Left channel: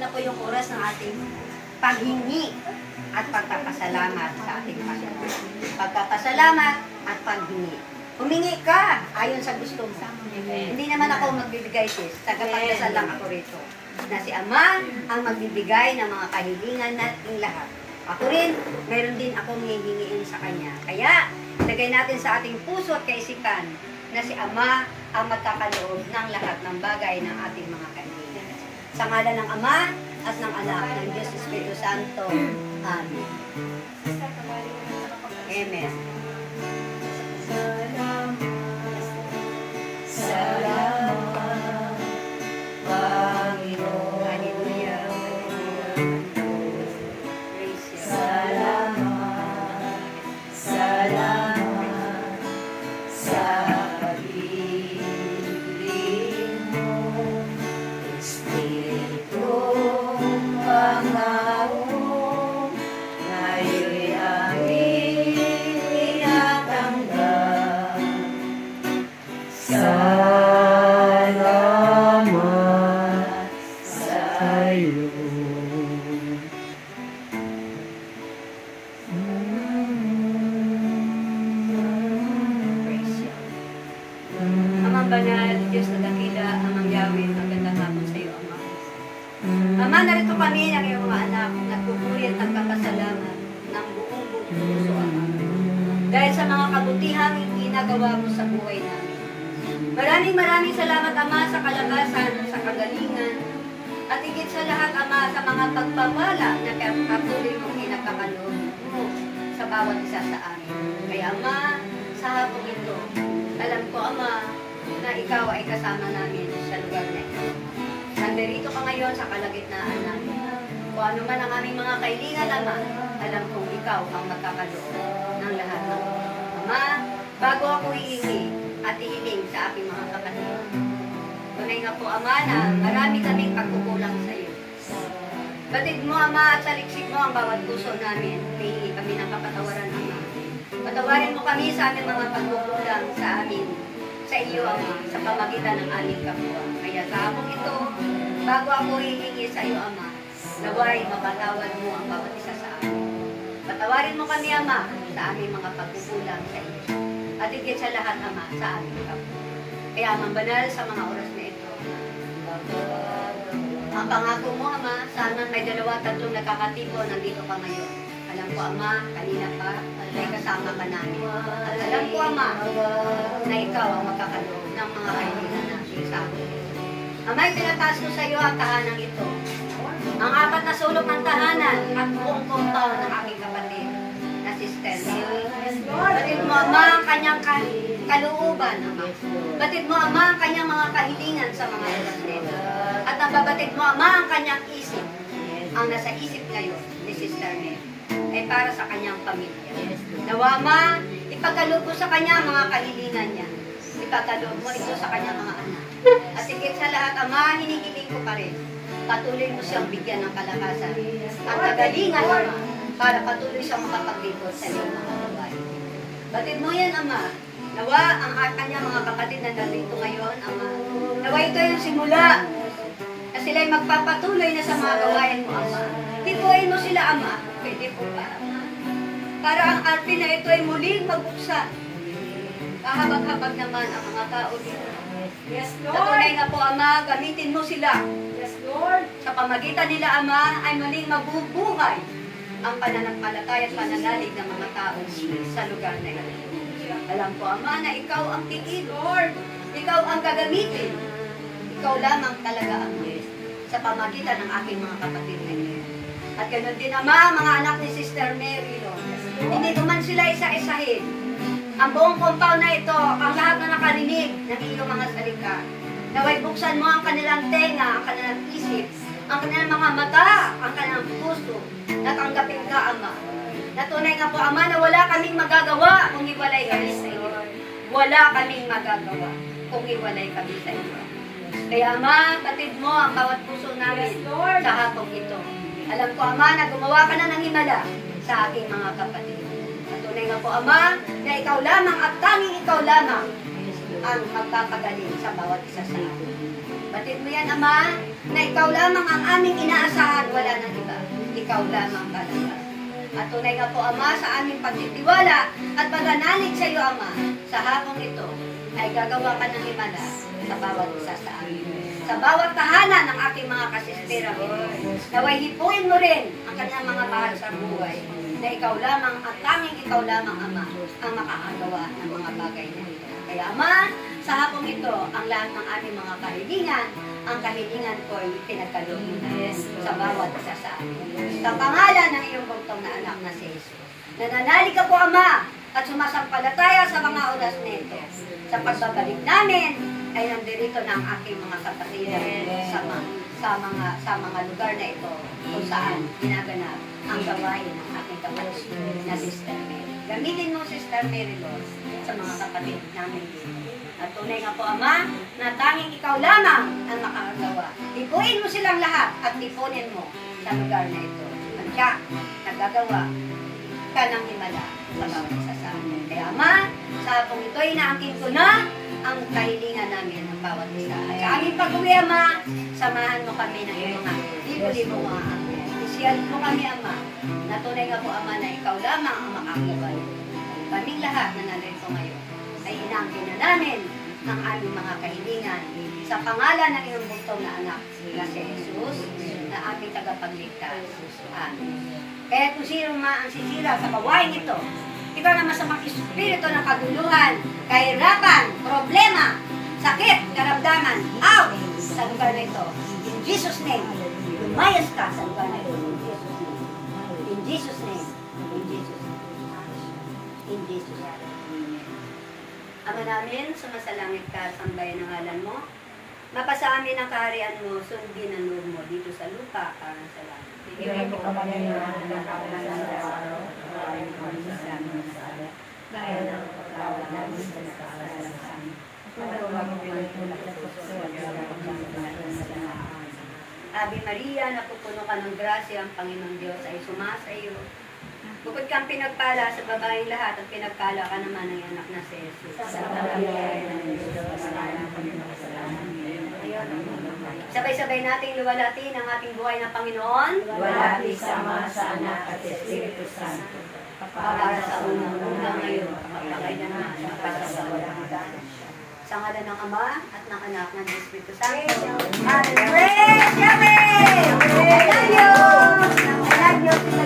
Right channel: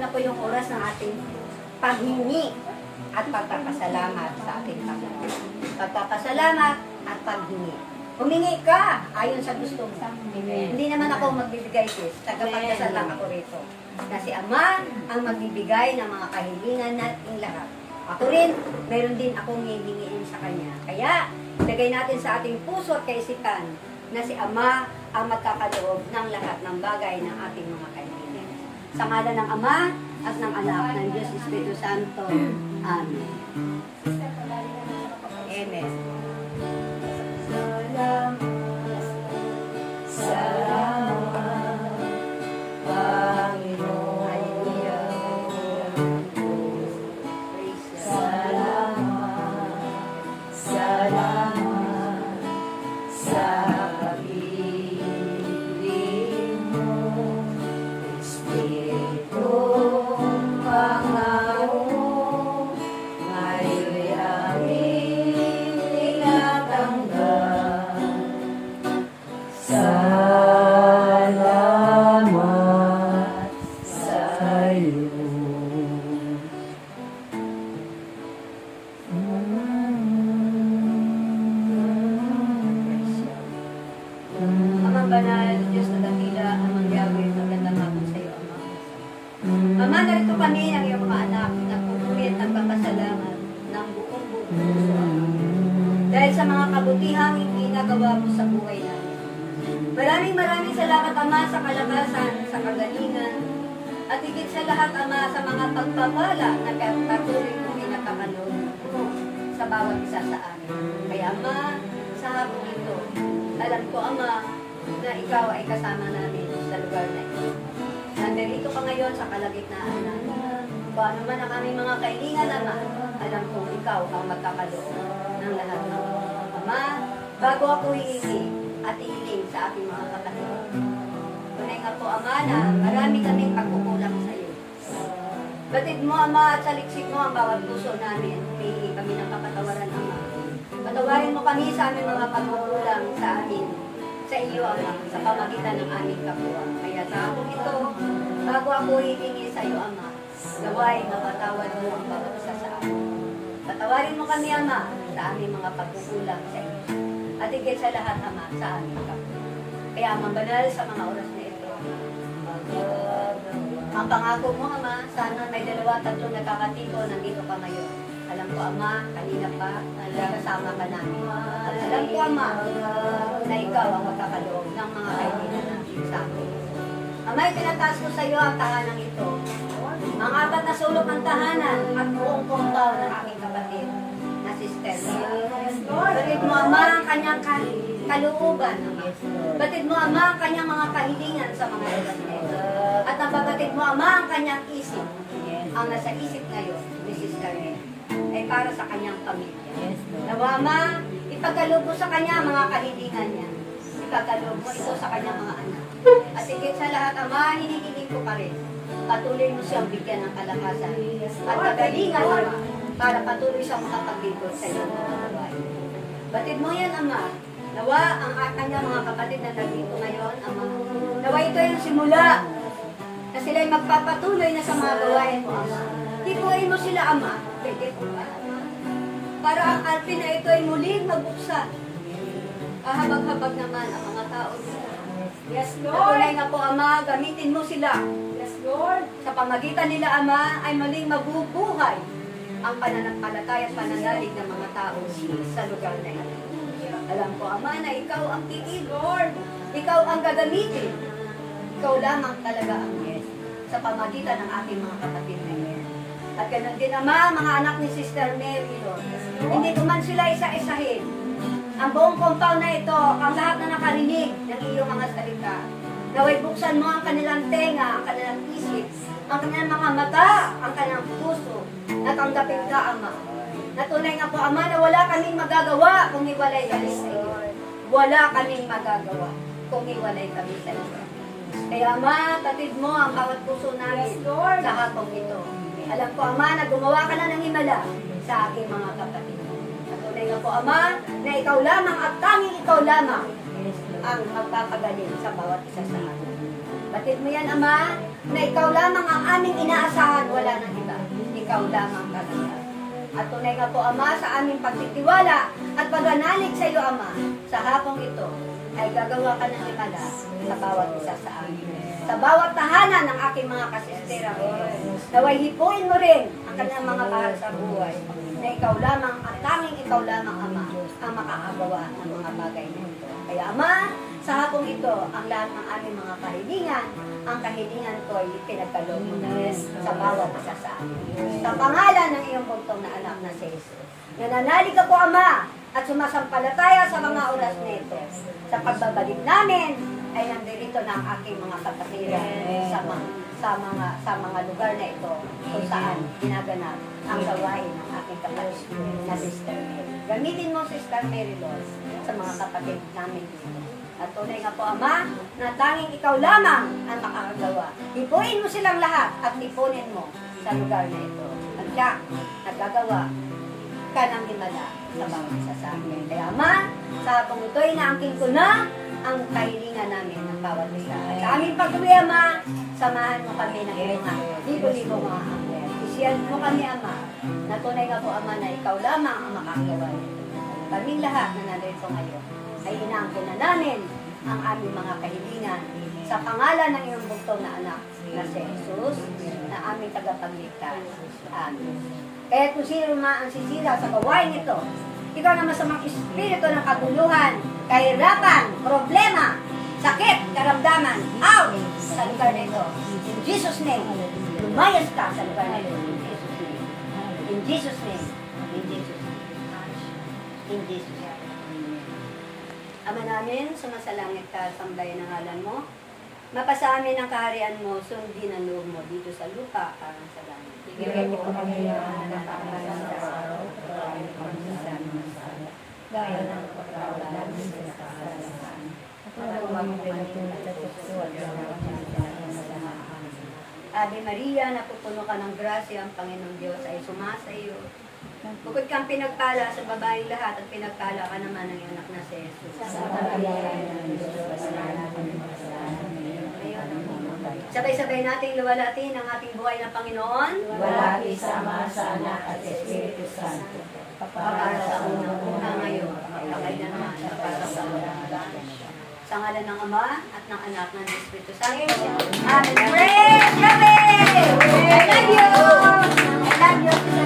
na po yung oras ng ating paghingi at pagpapasalamat sa ating Panginoon. Pagpapasalamat at paghingi. Humingi ka ayon sa gusto mo. Hindi naman ako magbibigay, sis. Tagapagdasal lang ako rito. Na si Ama ang magbibigay ng mga kahilingan nating lahat. Ako rin, meron din akong hihingiin sa Kanya. Kaya, lagay natin sa ating puso at kaisipan na si Ama ang magkakaloob ng lahat ng bagay ng ating mga kahilingan. Sa ngalan ng Ama at ng Anak ng Diyos Espiritu Santo. Amen. Amen. Salamat, Panginoon. Hallelujah. Salamat sa pag-ibig mo, Espiritong pangako, ngayon'y aming tinatanggap. Salamat sa'yo. Amang banal, Diyos na dakila, Amang Yahweh, magandang hapon sa iyo, Ama. Ama, narito kami ng iyong mga anak, nagpupuri at nagpapasalamat ng buong puso, Ama. Dahil sa mga kabutihang ginagawa mo sa buhay namin. Maraming salamat, Ama, sa kalakasan, sa kagalingan, at higit sa lahat, Ama, sa mga pagpapala na patuloy mong kinakakaloob mo sa bawat isa sa amin. Kaya, Ama, sa hapong ito, alam ko, Ama, na ikaw ay kasama namin sa lugar na ito. Nandarito ka ngayon sa kalagitnaan namin. Kung ano man ang aming mga kailangan, Ama, alam kong ikaw ang magkakaloob ng lahat ng Ama, bago ako hihingi at hihiling sa aking mga kapatid. Tunay nga po, Ama, na marami kaming pagkukulang sa iyo. Batid mo, Ama, at saliksik mo ang bawat puso namin. Hihingi kami ng kapatawaran, Ama. Patawarin mo kami sa aming mga pagkukulang sa amin, sa iyo, Ama, sa pamagitan ng aming kapwa. Kaya sa hapong ito, bago ako hihingi sa iyo, Ama, naway mapatawad mo ang bawat isa sa amin. Patawarin mo kami, Ama, sa aming mga pagkukulang sa iyo. At higit sa lahat, Ama, sa aming kapwa. Kaya, Amang Banal, sa mga oras na ito, ang pangako mo, Ama, sana may 2-3 nakakatito, nandito ka ngayon. Alam ko, Ama, kanina pa, may kasama ka namin. At alam ko, Ama, na ikaw ang magkakaloob ng mga kaibigan natin sa akin. Ama, itinataas ko sa iyo ang tahanan ito. Ang 4 na sulok ng tahanan at buong compound ng aking kapatid na Sister Mary. Batid mo, Ama, ang kanyang kalooban, Ama. Batid mo, Ama, ang kanyang mga kahilingan sa mga oras nito. At nababatid mo, Ama, ang kanyang isip. Ang nasa isip ngayon ni Sister Mary ay para sa kanyang pamilya. Nawa, Ama, ipagkaloob mo sa kanya ang mga kahilingan niya. Ipagkaloob mo ito sa kanyang mga anak. At higit sa lahat, Ama, hinihiling ko pa rin. Patuloy mo siyang bigyan ng kalakasan at kagalingan, Ama, para patuloy siyang makapaglingkod sa iyong mga gawain. Batid mo yan, Ama. Nawa, ang kanyang mga kapatid na nandito ngayon, Ama. Nawa ito yung simula na sila'y magpapatuloy na sa mga gawain mo, Ama. Hikuin mo sila, Ama. Pwede po ba, Ama? Para ang arte na ito ay muling magbuksan. Kahabag-habag naman ang mga tao dito. Yes, Lord. Natunay nga po, Ama, gamitin mo sila. Yes, Lord. Sa pamagitan nila, Ama, ay muling mabubuhay ang pananampalataya at pananalig ng mga tao sa lugar na ito. Alam ko, Ama, na ikaw ang tiid, Lord. Ikaw ang gagamitin. Ikaw lamang talaga, Ama, sa pamagitan ng aking mga kapatid na ito. At ganoon din, Ama, mga anak ni Sister Mary, Lord. Hindi ko man sila isa-isahin. Ang buong compound na ito, ang lahat na nakarinig ng iyong mga salita. Naway buksan mo ang kanilang tenga, ang kanilang isip, ang kanilang mga mata, ang kanilang puso. Natanggapin ka, Ama. Natunay nga po, Ama, na wala kaming magagawa kung hiwalay kami sa iyo. Wala kaming magagawa kung hiwalay kami sa iyo. Kaya, Ama, patid mo ang bawat puso namin sa hapong ito. Alam ko, Ama, na gumawa ka na ng himala sa aking mga kapatid. Natunay nga po, Ama, na ikaw lamang at tanging ikaw lamang ang magpapagaling sa bawat isa sa atin. Batid mo yan, Ama, na ikaw lamang ang aming inaasahan, wala nang iba. Ikaw lamang talaga. At tunay nga po, Ama, sa aming pagtitiwala at paganalig sa iyo, Ama, sa hapong ito, ay gagawa ka ng himala sa bawat isa sa amin. Sa bawat tahanan ng aking mga kasistera, naway hipuin mo rin ang kanyang mga mahal sa buhay, na ikaw lamang at tanging ikaw lamang, Ama, ang makakagawa ng mga bagay na ito. Kaya, Ama, sa hapong ito, ang lahat ng aming mga kahilingan, ang kahilingan ko ay pinagkaloob mo na sa bawat isa sa amin. Sa pangalan ng iyong bugtong na anak na si Jesus. Nananalig ka po, Ama, at sumasampalataya sa mga oras na ito. Sa pagbabalik namin, ay nandirito ng aking mga kapatiran sa mga lugar na ito kung saan ginaganap ang gawain ng aking kapatid na Sister Mary. Gamitin mo, Sister Mary, Lord, sa mga kapatid namin dito. At tunay nga po, Ama, na tanging ikaw lamang ang makakagawa. Ipunin mo silang lahat at ipunin mo sa lugar na ito. At siya, nagagawa ka ng himala sa bawat isa sa amin. Kaya, Ama, sa hapong ito, inaangkin ko na ang kahilingan namin ng bawat isa. At sa aming pag-uwi, Ama, samahan mo kami ng iyong libo-libo mga anghel. Isiyan mo kami, Ama, na tunay nga po, Ama, na ikaw lamang ang makakagawa nito. Kaming lahat na narito ngayon ay inaangkin na namin ang aming mga kahilingan sa pangalan ng iyong bugtong na anak na si Jesus, na aming tagapagligtas. Amen. Kaya kung sino ang sisira sa gawain ito, ikaw na masamang espiritu ng kaguluhan, kahirapan, problema, sakit, karamdaman, out sa lugar na ito. In Jesus' name, lumayas ka sa lugar na ito. In Jesus' name. In Jesus' name. In Jesus' name. Ama namin, sumasalangit ka, sambayan ng ngalan mo. Mapasa amin ang kaharian mo, sundin ang loob mo dito sa lupa, parang sa langit. Bigay mo kami ng araw-araw, dahil ang pagkawal namin sa kasalanan. Huwag mo pinagtulad sa puso at Ave Maria, napupuno ka ng grasya, ang Panginoong Diyos ay sumasa iyo. Bukod kang pinagpala sa babaeng lahat at pinagpala ka naman ng anak na si Jesus. Sabay-sabay nating luwalhatin ang ating buhay na Panginoon. Walhati sama sa Anak at Espiritu Santo. Para sa unang ngayon, magpakailanman, magpasasalamat. Sa ngalan ng Ama at ng Anak ng Espiritu Santo. Amen. Praise Yahweh! I love you! I love you!